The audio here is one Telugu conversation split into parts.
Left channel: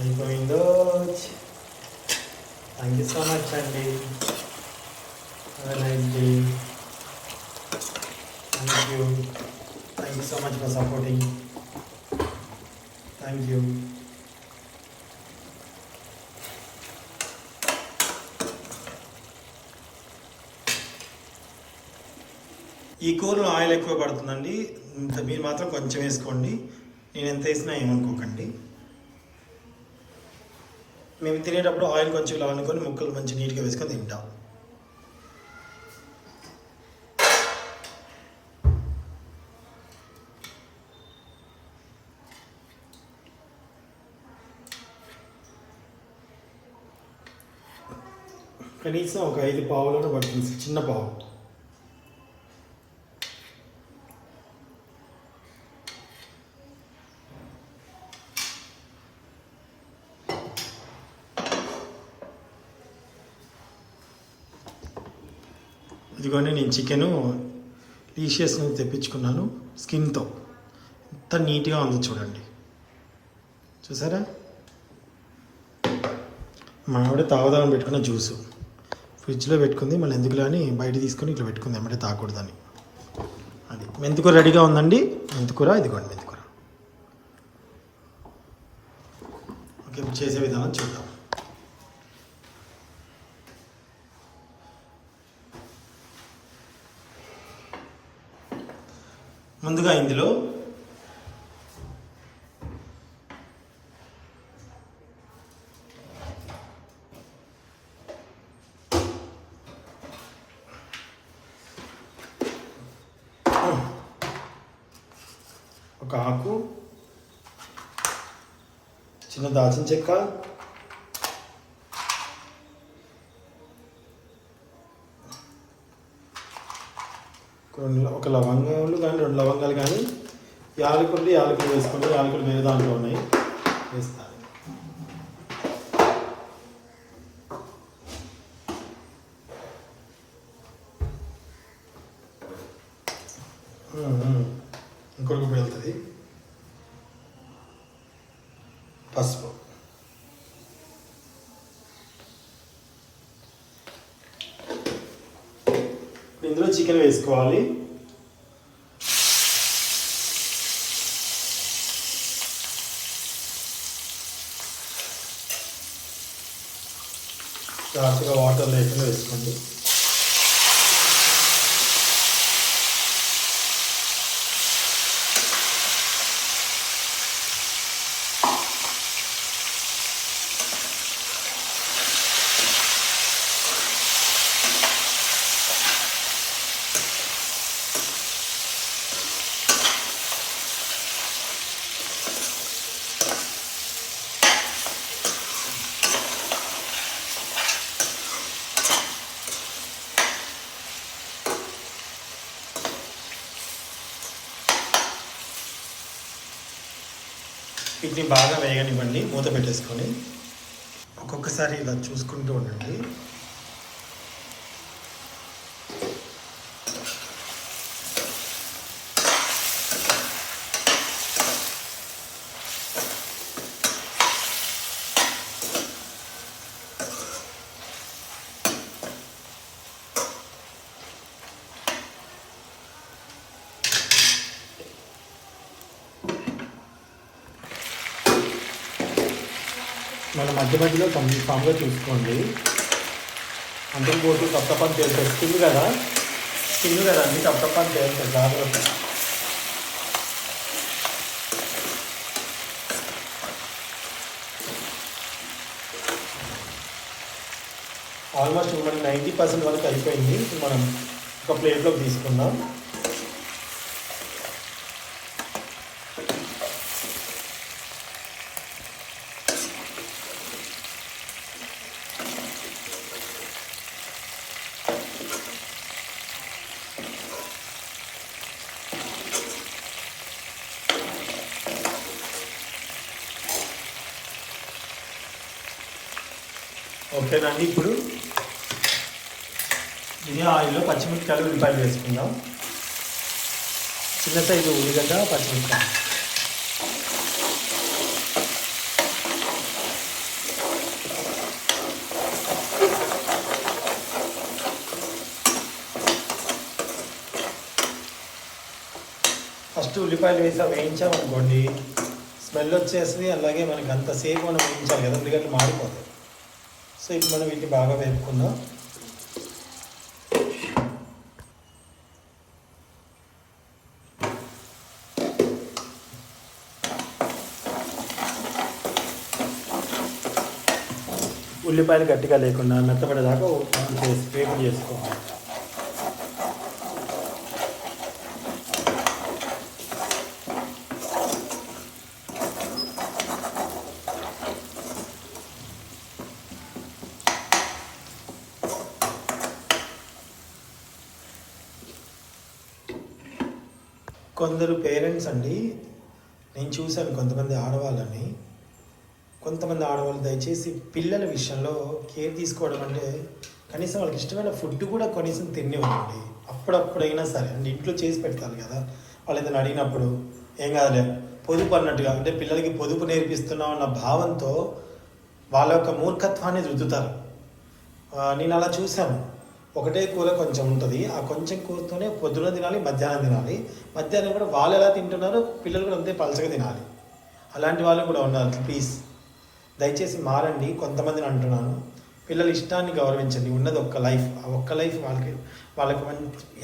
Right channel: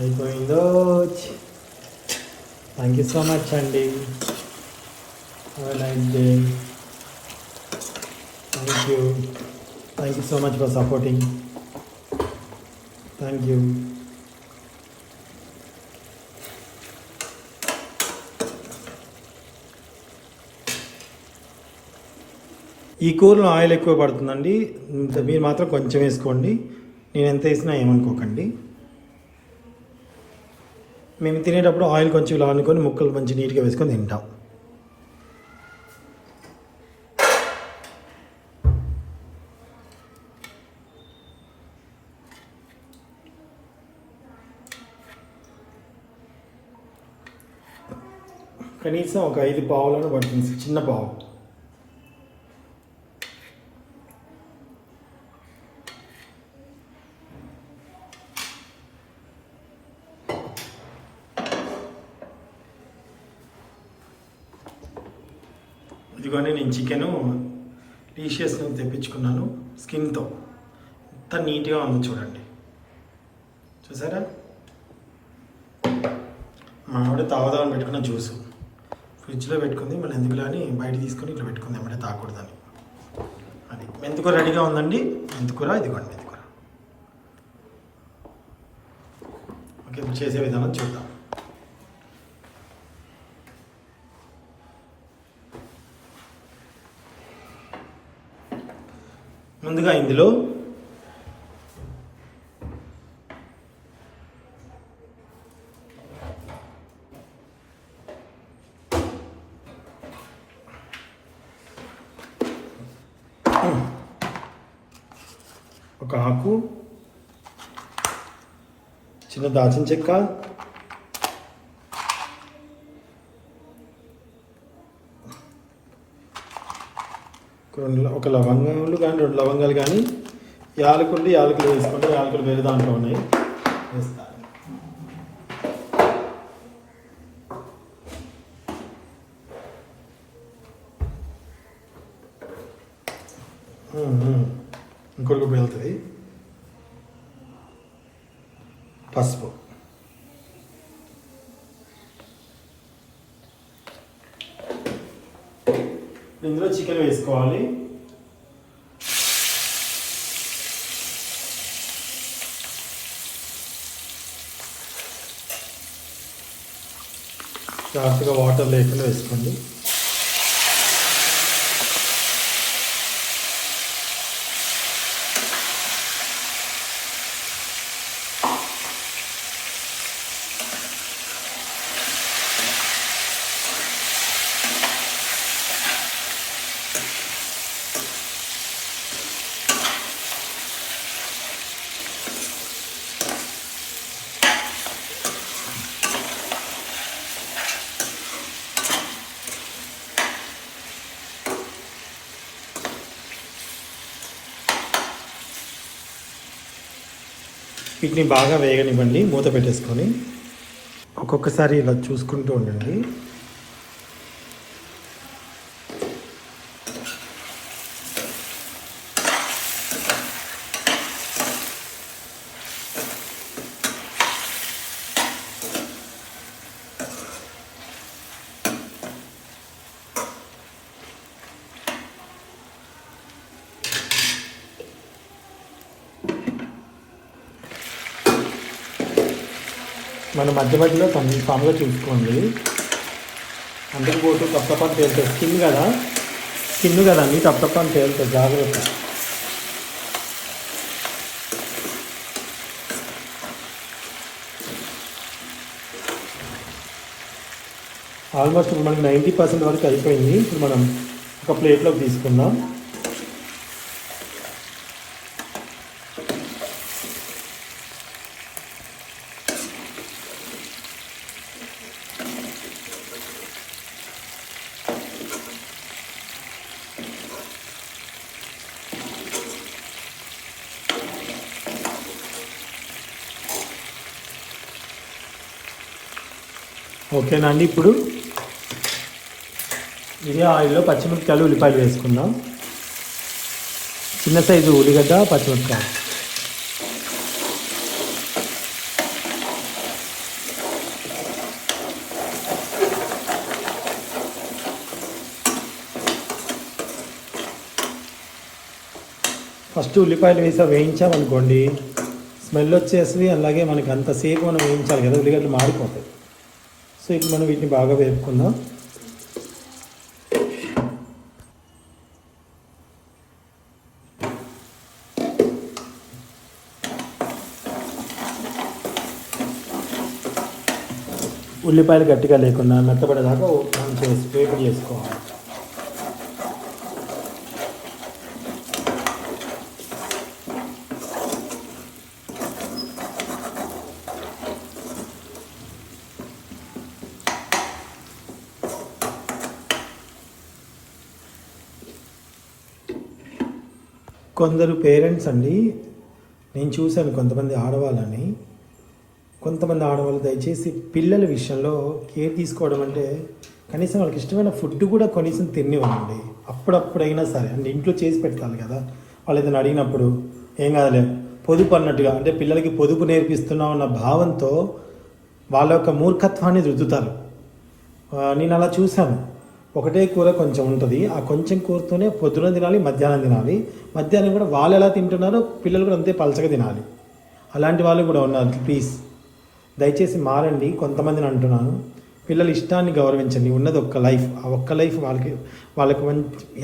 అయిపోయిందో థ్యాంక్ యూ సో మచ్ అండి nice day thank you thank you so much for supporting thank you ఈ కూరలో ఆయిల్ ఎక్కువ పడుతుందండి. ఇంత మీరు మాత్రం కొంచెం వేసుకోండి. నేను ఎంత వేసినా ఏమనుకోకండి. మేము తినేటప్పుడు ఆయిల్ కొంచెం ఇలా అనుకొని ముక్కలు మంచి నీట్గా వేసుకొని తింటాం. కనీసం ఒక ఐదు పావులను పడుతుంది చిన్న పావు. ఇదిగోనే నేను చికెను లీషియస్ నుంచి తెప్పించుకున్నాను స్కిన్తో. ఎంత నీట్గా ఉంది చూడండి. చూసారా? మా తాగుదామని పెట్టుకున్న జ్యూస్. ఫ్రిడ్జ్లో పెట్టుకుంది మళ్ళీ ఎందుకులో అని బయట తీసుకొని ఇట్లా పెట్టుకుంది అమ్మటే తాగకూడదని అది. మెంతికూర రెడీగా ఉందండి? మెంతికూర ఇదిగోండి మెంతికూర. ఓకే చేసే విధానం చూద్దాం. ముందుగా ఇందులో ఒక ఆకు చిన్న దాచిన చెక్క ఒక లవంగాలు కానీ రెండు లవంగాలు కానీ యాలకులు యాలకులు వేసుకుంటే యాలకులు వేరే దాంట్లో ఉన్నాయి. వేస్తాను. ఉమ్, ఇంకొక వెళ్తుంది. పసుపు. ఇందులో చికెన్ వేసుకోవాలి. జాగ్రత్తగా వాటర్ లేకుండా వేసుకోండి. ఇవి బాగా వేగనివ్వండి మూత పెట్టేసుకొని. ఒక్కొక్కసారి ఇలా చూసుకుంటూ ఉండండి. మన మధ్య మధ్యలో కన్ఫామ్గా చూసుకోండి. అందరూ పోతే తప్పని చేస్తే స్కిన్ కదా? స్కిన్ కదా? అన్ని తప్పని చేస్తే జాగ్రత్త. ఆల్మోస్ట్ మనకి నైంటీ పర్సెంట్ వరకు అయిపోయింది. మనం ఒక ప్లేట్లోకి తీసుకుందాం. ఓకేనండి ఇప్పుడు ఇది ఆయిల్లో పచ్చిమిరపకాయలు ఉల్లిపాయలు వేసుకుందాం. చిన్న సైజు ఉల్లిగడ్డ పచ్చిమిరపకాయ. ఫస్ట్ ఉల్లిపాయలు వేసా వేయించామనుకోండి స్మెల్ వచ్చేసి అలాగే మనకి అంతసేపు మనం వేయించాలి కదా ఉల్లిగడ్డలు మాడిపోతాయి. సో మనం వీటిని బాగా వేపుకుందాం. ఉల్లిపాయలు గట్టిగా లేకుండా మెత్తపడేదాకా మనం చేసి వేపు చేసుకోవాలి. కొందరు పేరెంట్స్ అండి నేను చూశాను కొంతమంది ఆడవాళ్ళని. కొంతమంది ఆడవాళ్ళు దయచేసి పిల్లల విషయంలో కేర్ తీసుకోవడం అంటే కనీసం వాళ్ళకి ఇష్టమైన ఫుడ్ కూడా కనీసం తినివ్వండి. అప్పుడప్పుడైనా సరే అంటే ఇంట్లో చేసి పెట్టాలి కదా. వాళ్ళు ఏదైనా అడిగినప్పుడు ఏం కాదులే పొదుపు అన్నట్టుగా అంటే పిల్లలకి పొదుపు నేర్పిస్తున్నాం అన్న భావంతో వాళ్ళ యొక్క మూర్ఖత్వాన్ని రుద్దుతారు. నేను అలా చూశాను. ఒకటే కూర కొంచెం ఉంటుంది. ఆ కొంచెం కూరతోనే పొద్దున తినాలి మధ్యాహ్నం తినాలి. మధ్యాహ్నం కూడా వాళ్ళు ఎలా తింటున్నారో పిల్లలు కూడా అంతే పలచగా తినాలి. అలాంటి వాళ్ళు కూడా ఉన్నారు. ప్లీజ్. దయచేసి మారండి. కొంతమందిని అంటున్నాను. పిల్లల ఇష్టాన్ని గౌరవించండి. ఉన్నది ఒక్క లైఫ్. ఆ ఒక్క లైఫ్ వాళ్ళకి వాళ్ళకి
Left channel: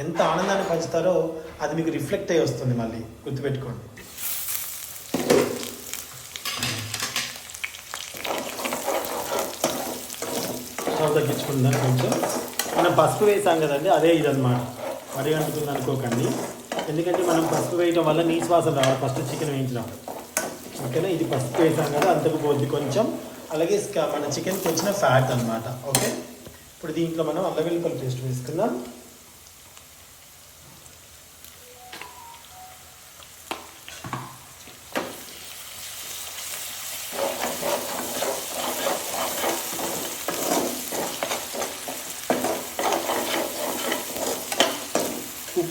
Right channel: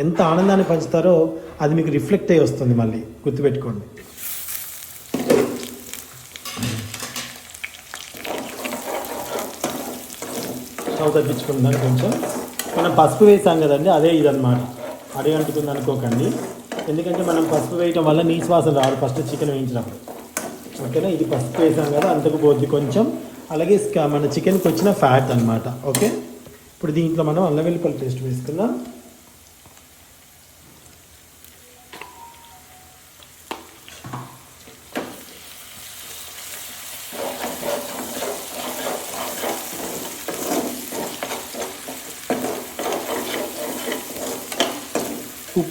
ఎంత ఆనందాన్ని పంచుతారో అది మీకు రిఫ్లెక్ట్ అయ్యి వస్తుంది మళ్ళీ. గుర్తుపెట్టుకోండి. స్టవ్ తగ్గించుకుందాం కొంచెం. మనం పసుపు వేసాం కదండి అదే ఇదన్నమాట. అదే అంటుకుంది అనుకోకండి. ఎందుకంటే మనం పసుపు వేయటం వల్ల నీసు రావాలి ఫస్ట్ చికెన్ వేయించడం ఓకేనా? ఇది పసుపు వేసాం కదా అంతకు పోద్ది కొంచెం. అలాగే మన చికెన్కి వచ్చిన ఫ్యాట్ అనమాట ఓకే? ఇప్పుడు దీంట్లో మనం అల్లం పేస్ట్ వేసుకుందాం.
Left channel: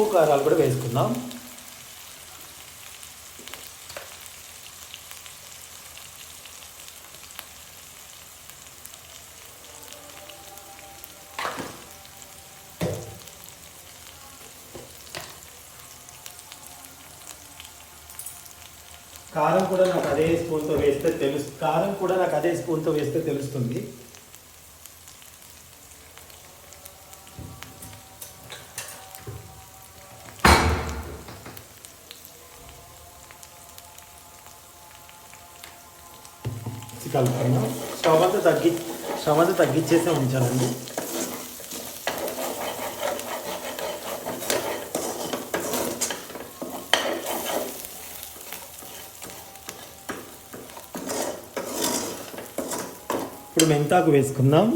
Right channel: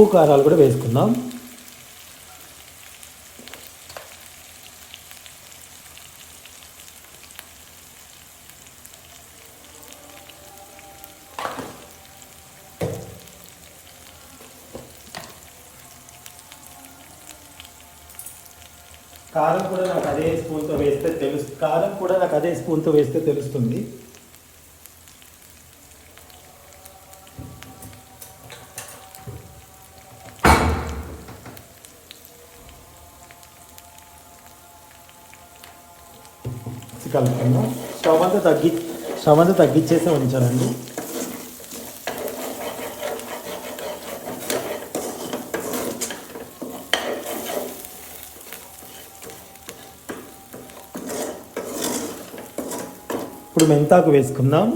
ఉప్పు కారాలు కూడా వేసుకుందాం. కారం కూడా నాకు అదే స్పూన్తో వేస్తే తెలుసు కారం కూడా నాకు అదే స్పూన్తో వేస్తే తెలుస్తుంది. కలుపుకుందాం స్టవ్ అంతా తగ్గి స్టవ్ అంతా తగ్గించేసే ఉంచాలండి. ఇప్పుడు మెంతాకు వేసుకుందాం.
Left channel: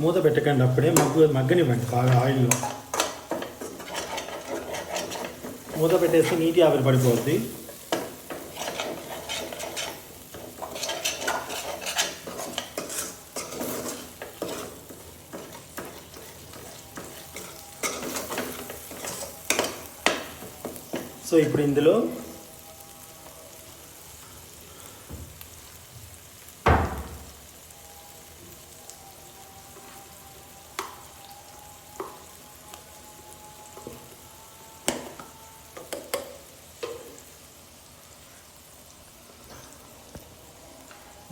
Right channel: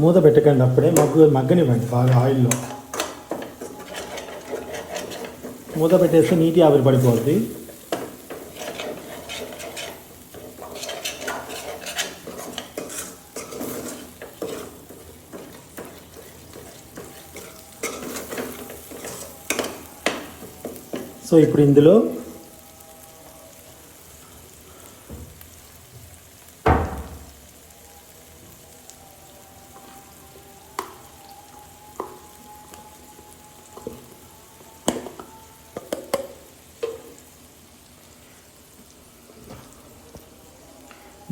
మూత పెట్టకండి అప్పుడే మగ్గు మగ్గనివ్వండి బాగా ఆయిల్లో. మూత పెట్టేస్తే నీటి ఆవిరి పడిపోద్ది. సో ఇప్పుడు ఇందులో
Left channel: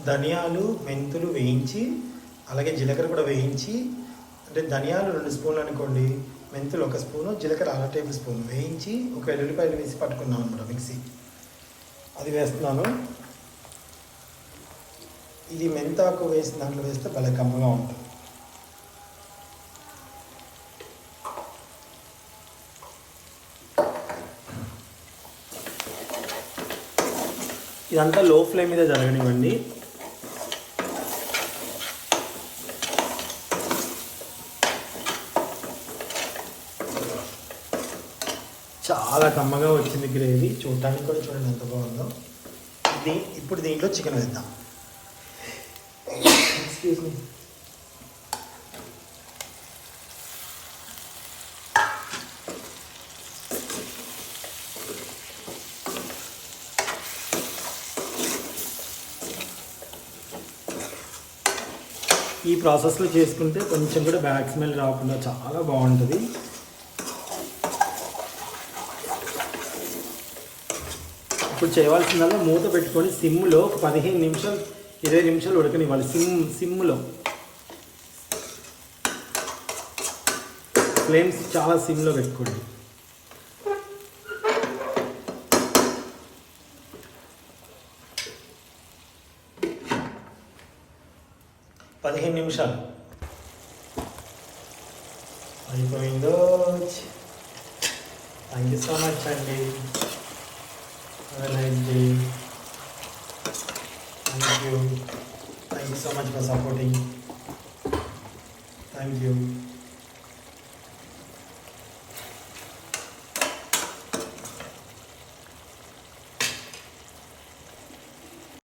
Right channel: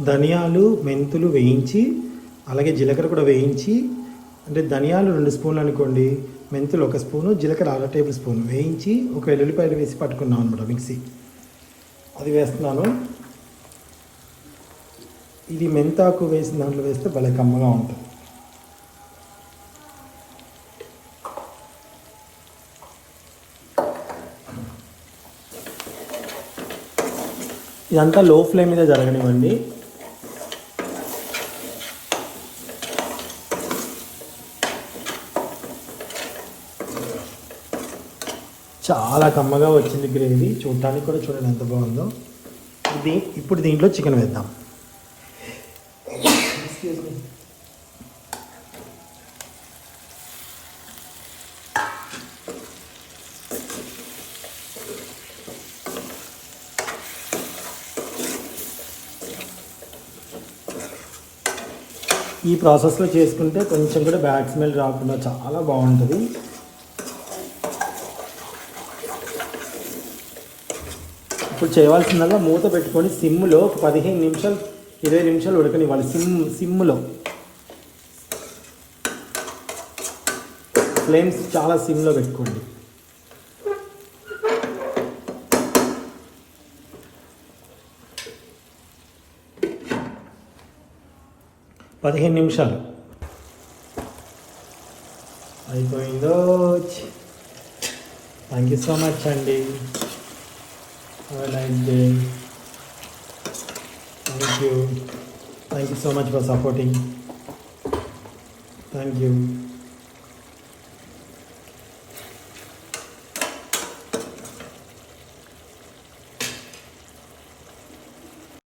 ధనియాలు మెంతులు వేయించి అలాగే జీలకర్ర కూడా వేయించి అంటే ధనియాలు రెండు స్పూన్లు అనుకోండి మెంతులు ఒక స్పూను జీలకర్ర అర టేబుల్ స్పూన్ వేయించి ఒక ఎల్లుల్లిపాయలు వేసి పట్టుకున్నాం అనమాట మిక్సీ. అది వేస్తున్నాను. ఇది మెంతాకు వేసిన దాంట్లో వేస్తే భలే కమ్మగా ఉంటుంది. ఇదంతా లో ఫ్లేమ్ మీద జరగనివ్వండి. చాలా కమ్మగా వచ్చింది గ్రేవీ చూడటానికి కూడా చూడండి ఎంత బాగుందో. ఇది ఇప్పుడు దీంట్లో చికెన్ వేద్దాం. ఈ ప్రాసెస్లో చేసుకుంటే కొంచెం కూడా బ్యాక్ స్మెల్ రాకుండా చాలా బాగుంటుంది. ఇప్పుడు చేయవలసిందల్లా మూత పెట్టుకొని సిమ్లో ఒక పదిహేను నిమిషాలు ఇరవై నిమిషాలు ఉడకనివ్వాలి. సిమ్ సిమ్లో ఫ్లేమ్స్ చాలా సిమ్లో పెట్టుకోండి. పదిహేను నిమిషాలు. అయిపోయిందో? థ్యాంక్ యూ సో మచ్ అండి. Have a nice day. Thank you. Thank you so much for supporting. Thank you.